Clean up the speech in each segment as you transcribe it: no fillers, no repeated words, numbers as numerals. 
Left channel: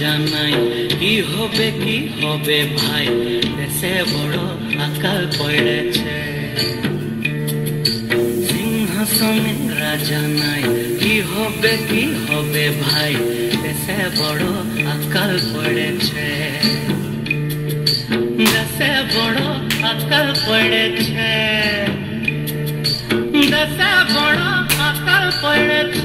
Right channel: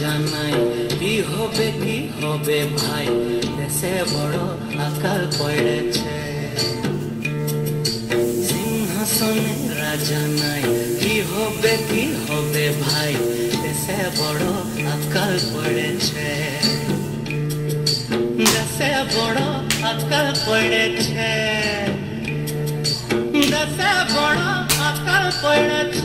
জানাই কি হবে ভাই, দেশে বড় আকাল পড়েছে। সিংহাসনে রাজা নাই, কি হবে ভাই, দেশে বড় আকাল পড়েছে। দেশে বড় আকাল পড়েছে, দেশে বড় আকাল পড়েছে।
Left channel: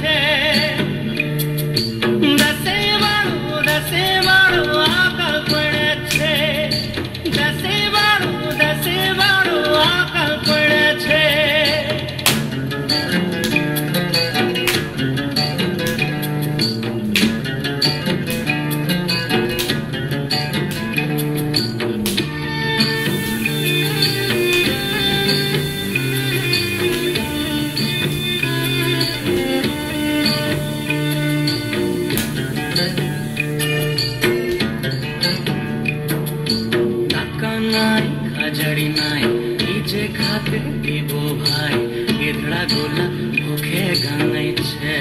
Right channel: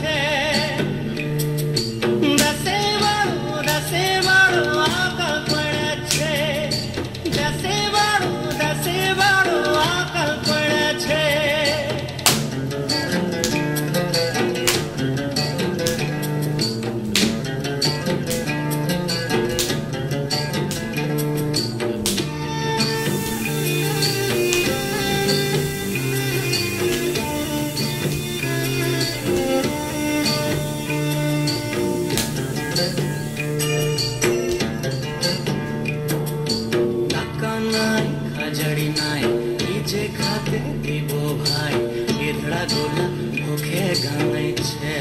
হাজারি নাই, নিজে খাতে দিব ভাই, গেদড়া গোলা মুখে গানাইছে।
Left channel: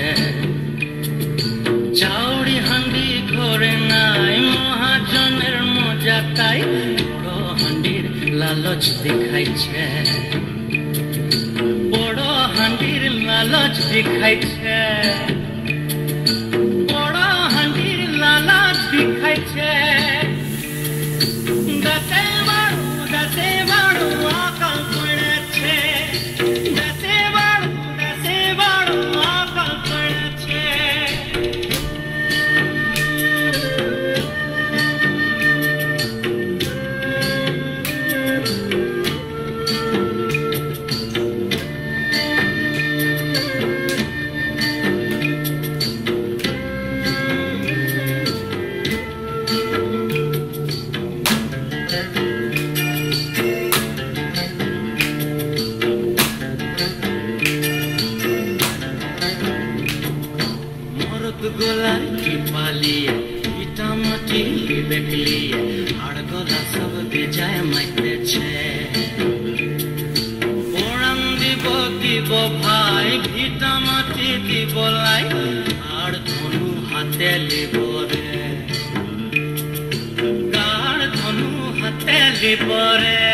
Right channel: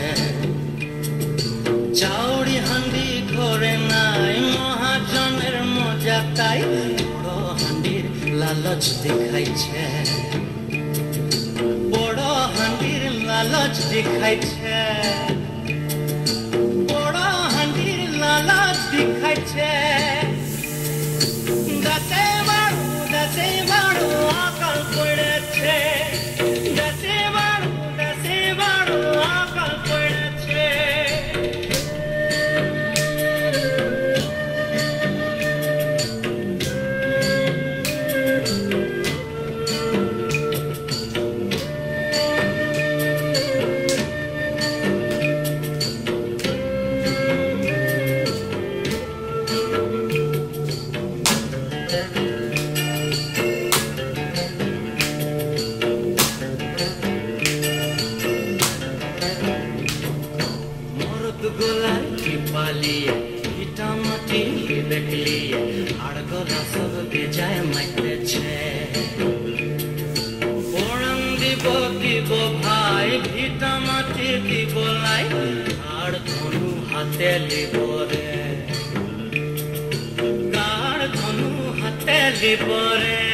চাউরি হান্ডি ঘরে নাই, মহাজনের মজা তাই বড় হান্ডির লালচ দেখাইছে। বড় হান্ডির লালচ দেখাইছে, বড় হান্ডির লালচ দেখাইছে। গোলায় কি পালিয়ে ইটা মাটি দেখলিয়ে আর গলা সব বেজায় মাইতেছে। ওরাং দিব ভাই, ভিটা মাটি দিব লাই, আর ধনু হাতে লিব রে, আর ধনু হাতে লিব রে।